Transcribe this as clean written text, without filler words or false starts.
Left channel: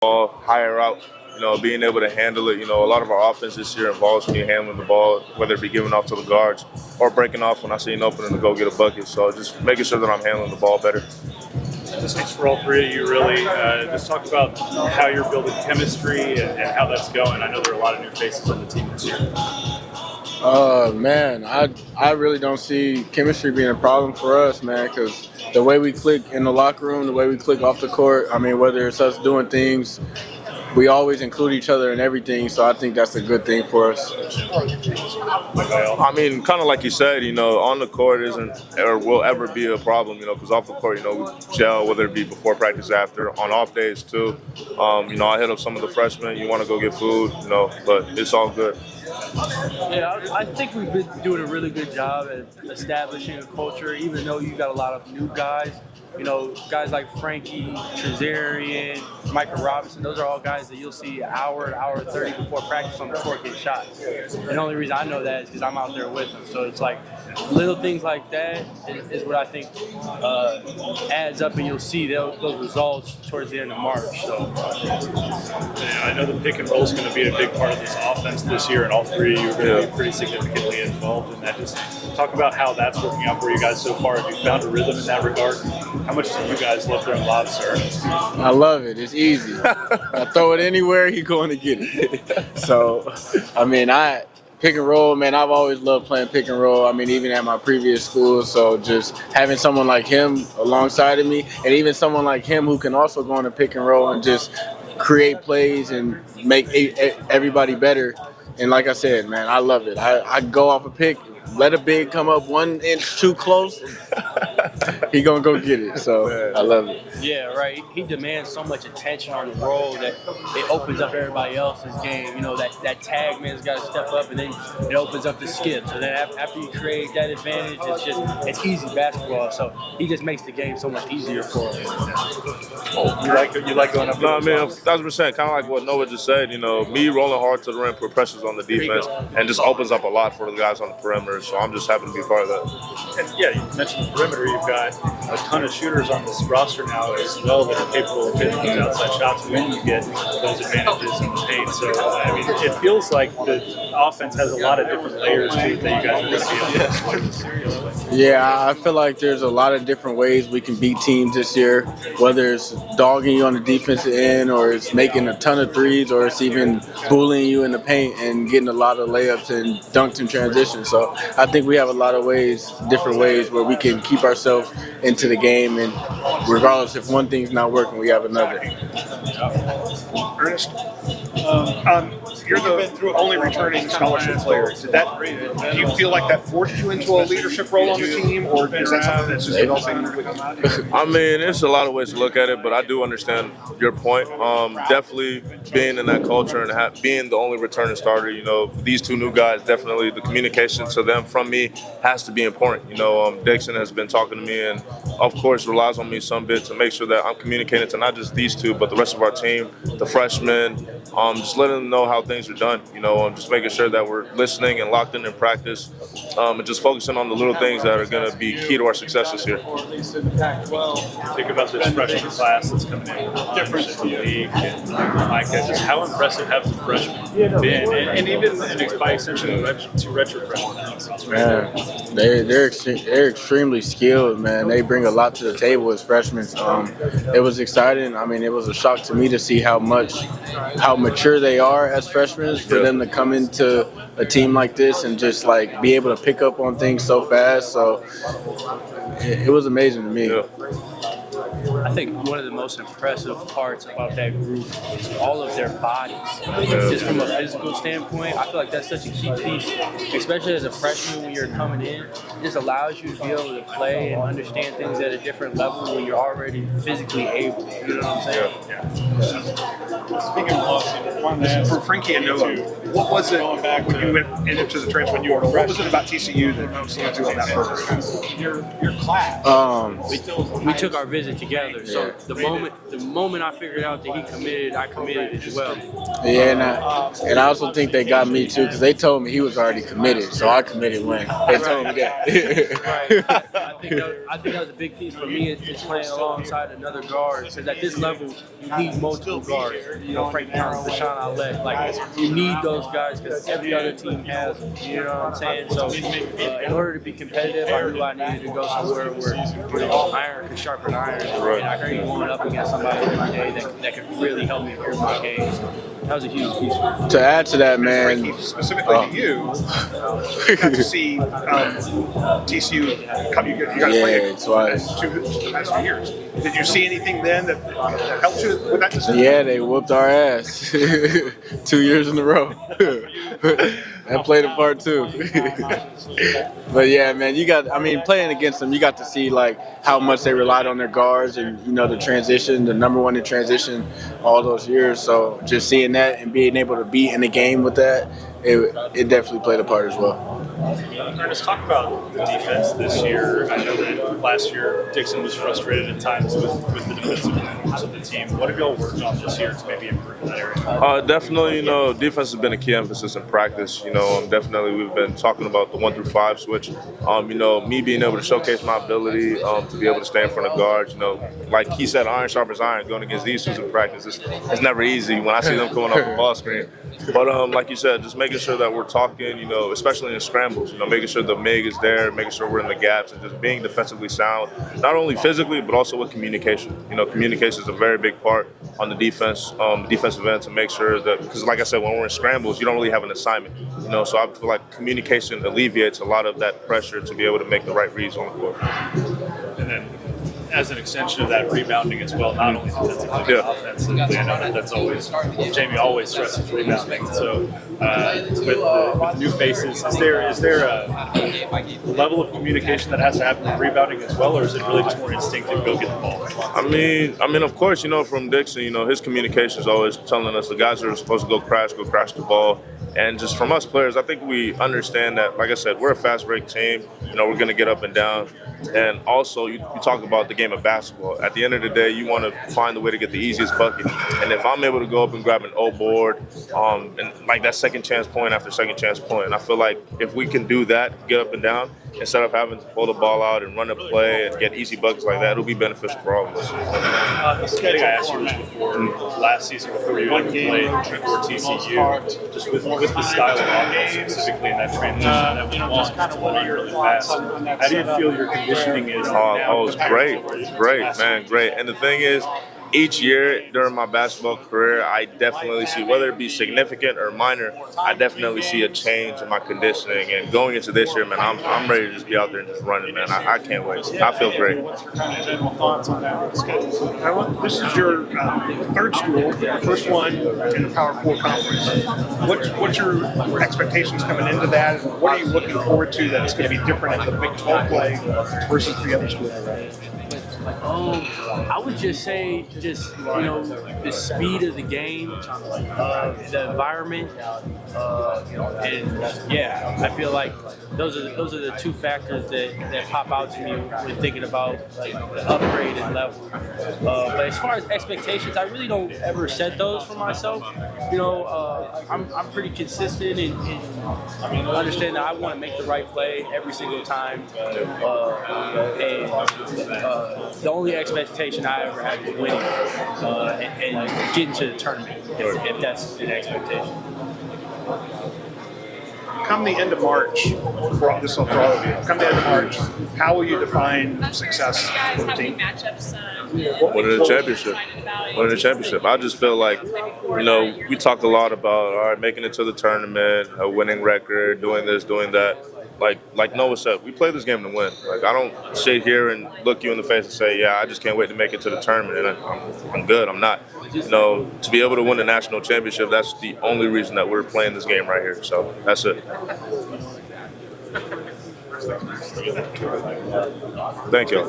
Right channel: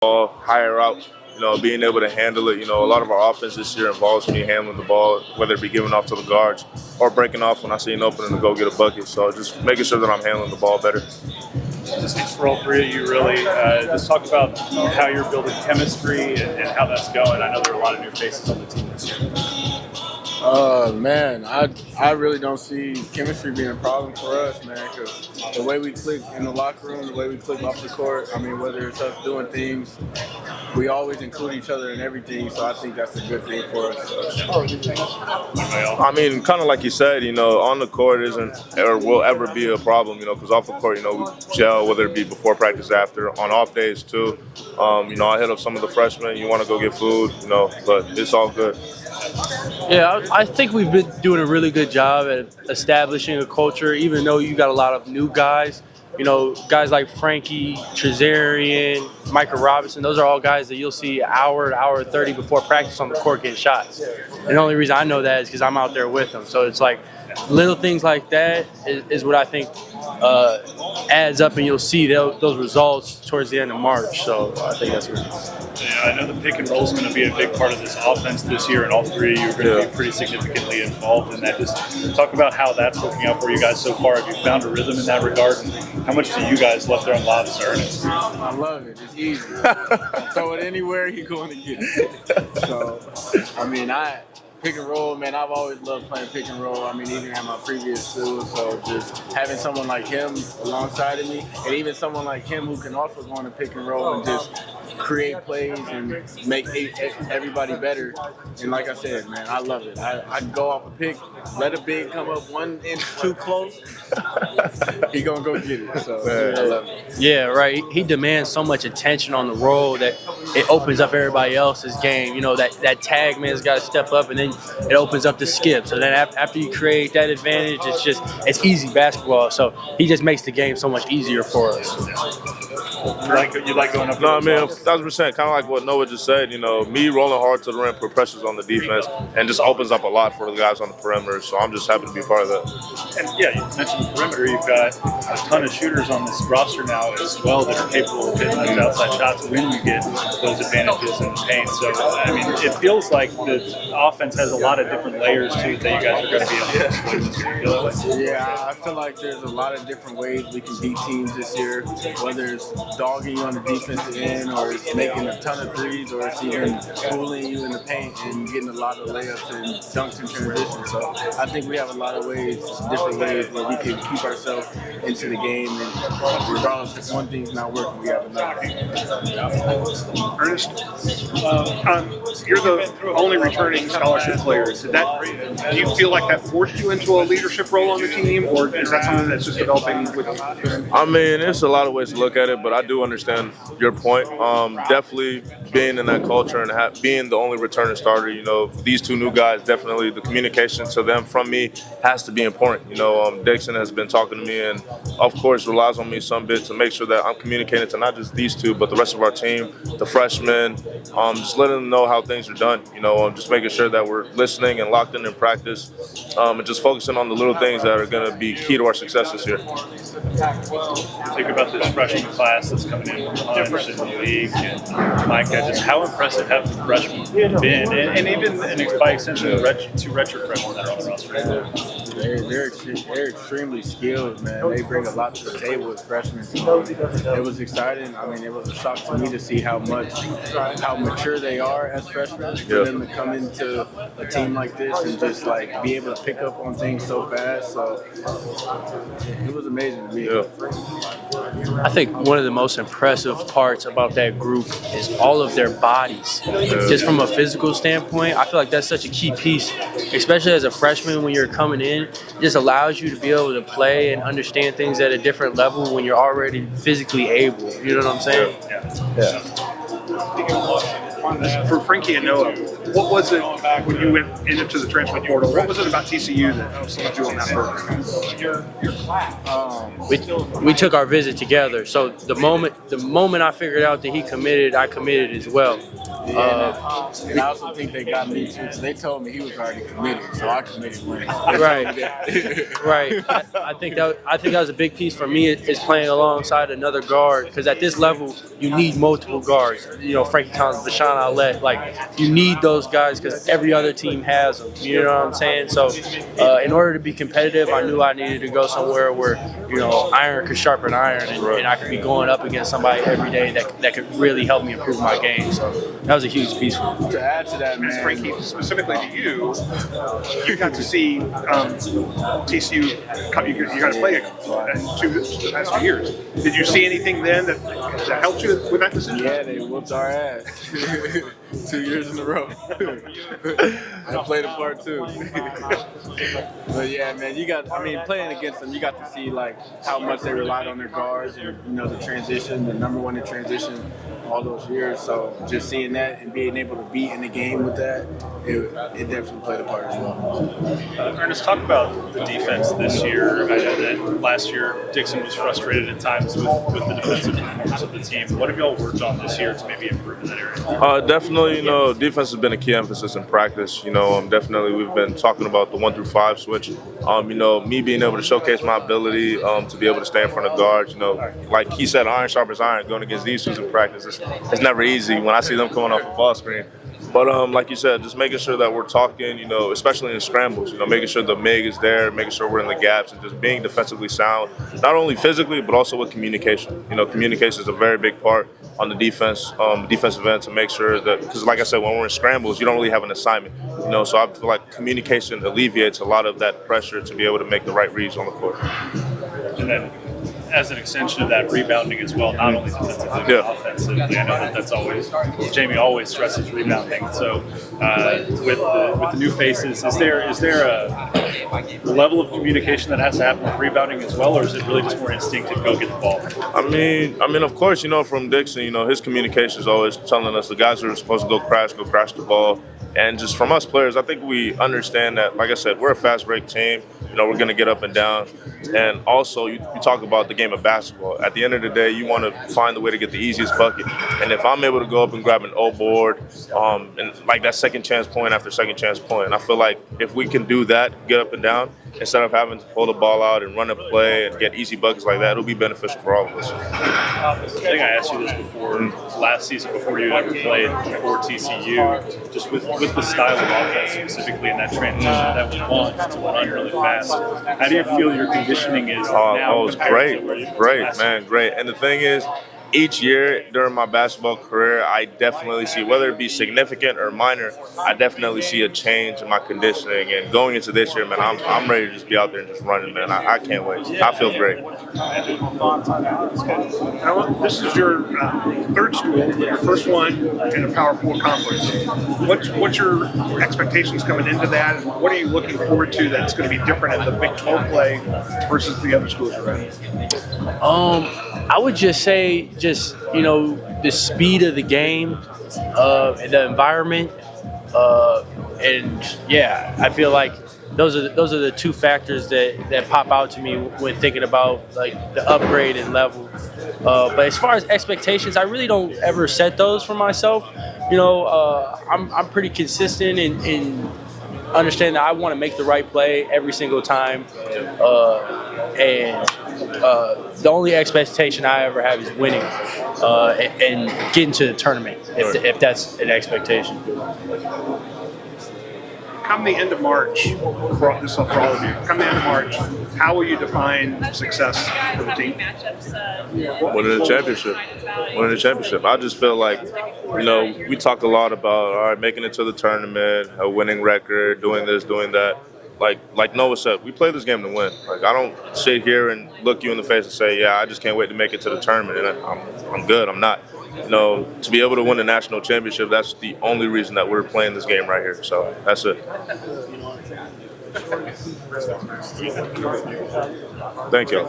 ball higher out, being able to handle it. A lot of our offense this year involves me handling the ball, whether it be giving off to the guards or breaking off when I see an opening to go get a bucket. So just making sure that I'm handling the ball better. This one's for all three of you, really. Just talk about how you're building chemistry and how that's going. I know there are a lot of new faces on the team this year. Man, I really don't see chemistry being a problem for us, man, because the way we click in the locker room, the way we click off the court, I mean, whether it's us doing things, we always include each other in everything, so I think that's a good thing for us. I mean, kind of like you said, on the court isn't or will ever be a problem, because off the court, we gel, whether it be before practice, after, on off days too. I hit up some of the freshmen, you want to go get food, but it's all good. Yeah, I think we've been doing a really good job at establishing a culture, even though you got a lot of new guys. Guys like Frankie, Trezarian, Micah Robinson, those are all guys that you'll see an hour 30 before practice on the court getting shots. And the only reason I know that is because I'm out there with them. So it's like little things like that is what I think adds up, and you'll see those results towards the end of March. So I think that's good. Yeah, I know the pick and roll is going to be a big part of this offense this year, and all three of you are going to be pretty significantly involved in that. Just talk about how that's working out for you guys so far. Have you found a rhythm in that regard? And how much do you guys love throwing lobs, Ernest? I love it. It's easy. I throw it anywhere, he's going to get it. So, I mean, pick and roll, man, I've always loved playing pick and roll. I mean, even at my previous school. So just having someone like him alongside of me, and even someone like him who can also go on a pick and roll and just create plays and make everybody better. And like I said, man, I love it. I go off a pick, let a big come up 1 inch too close, he gonna go get it. So I love it. Yeah, right. He demands so much attention on the roll that it opens up everybody else's game. That tag man's got to step up, and then it opens up the skip. So then after you create that advantage, it's easy basketball. So he just makes the game so much easier for us. You like going up? No, I mean, 1,000%. Kind of like what Noah just said. Me rolling hard to the rim put pressures on the defense and just opens up a lot for the guys on the perimeter. So I'm just happy to be part of that. And yeah, you mentioned the perimeter. You've got a ton of shooters on this roster now as well that are capable of hitting those outside shots when you get those advantages in the paint. So I mean, it feels like the offense has a lot of different layers to it that you guys are going to be able to do. Yeah, I feel like there's a lot of different ways we can beat teams this year, whether it's dogging you on the defensive end, or it's making a ton of threes, or it's even bullying you in the paint and getting a lot of layups and dunks in transition. So I think we have a lot of different ways where we can keep ourselves into the game, and regardless if one thing's not working, we have another. Ernest, you're the only returning scholarship player. Do you feel like that forced you into a leadership role on the team, or is that something that's just developing with you? I mean, there's a lot of ways to look at it, but I do understand your point. Definitely being in that culture and being the only returning starter, these two new guys, definitely the communication to them from me has to be important. Dixon has been talking to me and, of course, relies on me some bit to make sure that I'm communicating to not just these two, but the rest of our team, the freshmen, just letting them know how things are done, just making sure that we're listening and locked in practice, and just focusing on the little things that are going to be key to our success this year. Think about this freshman class that's coming in from the league, and Micah, just how impressive have the freshmen been, and even by extension the two redshirt freshmen. Man, they're extremely skilled, man. They bring a lot to the table as freshmen. It was exciting. I mean, it was a shock to me to see how mature they are as freshmen, for them to come into a team like this and just like be able to pick up on things so fast. So it was amazing to me. Yeah. I think one of the most impressive parts about that group is all of their bodies. Just from a physical standpoint, I feel like that's such a key piece, especially as a freshman when you're coming in. It just allows you to be able to play and understand things at a different level when you're already physically able. You know what I'm saying? This, for Frankie and Noah, what was it when you went into the transfer portal? What was it about TCU that selected you on that program? We took our visit to together. So the moment I figured out that he committed, I committed as well. Yeah, and I also think they got me too because they told me he was already committed, so I committed when. Right, right. I think that was a big piece for me is playing alongside another guard because at this level you need multiple guards. You know, Frankie Collins, Bashan Outlet, like you need those guys because every other team has them. You know what I'm saying? So in order to be competitive, I knew I needed to go somewhere where iron could sharpen iron, and I could be going up against somebody every day that could really help me improve my game. So that was a huge piece for me. To add to that, man, specifically you got to see TCU. You guys played twice. The last 2 years. Did you see anything then that helped you with that decision? Yeah, they whooped our ass 2 years in a row. That played a part too. But yeah, man, playing against them, you got to see like how much they relied on their guards and the transition, the number one in transition all those years. So just seeing that and being able to be in the game with that, it definitely played a part as well. Ernest, talk about the defense this year. I know that last year Dixon was frustrated at times with the defensive performance of the team. What have y'all worked on this year to maybe improve in that area? Definitely, defense has been a key emphasis in practice. Definitely we've been talking about the 1 through 5 switch. Me being able to showcase my ability to be able to stay in front of guards. Like he said, iron sharpens iron. Going against these two in practice, it's never easy when I see them coming off the ball screen. But like you said, just making sure that we're talking, especially in scrambles, making sure the MIG is there, making sure we're in the gaps, and just being defensively sound, not only physically, but also with communication. Communication is a very big part on the defensive end to make sure that, because like I said, when we're in scrambles, you don't really have an assignment, so I feel like communication alleviates a lot of that pressure to be able to make the right reads on the court. And then, as an extension of that, rebounding as well, not only defensively, but offensively. I know that's always, Jamie always stresses rebounding. So with the new faces, is there a level of communication that has to happen with rebounding as well, or is it really just more instinctive, go get the ball? I mean, of course, from Dixon, his communication is always telling us the guys are supposed to go crash the ball. And just from us players, I think we understand that, like I said, we're a fast break team. We're going to get up and down. And also, you talk about the game of basketball. At the end of the day, you want to find a way to get the easiest bucket. And if I'm able to go up and grab an O board, and like that second chance point after second chance point, I feel like if we can do that, get up and down, instead of having to pull the ball out and run a play and get easy buckets like that, it'll be beneficial for all of us. I think I asked you this before, last season, before you ever played for TCU, just with the style of offense, specifically in that transition, that we want to run really fast. How do you feel your conditioning is now? Oh, it's great, man, great. And the thing is, each year during my basketball career, I definitely see, whether it be significant or minor, I definitely see a change in my conditioning. And going into this year, man, I'm ready to just be out there and just running, man. I can't wait. I feel great. This is your third school, your first one in a Power 4 conference. What's your expectations coming into that, and what are you looking forward to that's going to be different in the Big 12 play versus the other schools you're at? I would just say, the speed of the game, the environment, and yeah, I feel like those are the two factors that pop out to me when thinking about like the upgrade in level. But as far as expectations, I really don't ever set those for myself. I'm pretty consistent in understanding that I want to make the right play every single time, and the only expectation I ever have is winning and getting to the tournament, if that's an expectation. Come the end of March, this is for all of you. Come the end of March, how will you define success for the team? Winning the championship. I just feel like, we talk a lot about, making it to the tournament, a winning record, doing this, doing that. Like Noah said, we play this game to win. Like, I don't sit here and look you in the face and say, yeah, I just can't wait to make it to the tournament. And I'm good. I'm not. To be able to win the national championship, that's the only reason that we're playing this game right here. So that's it. Thank you.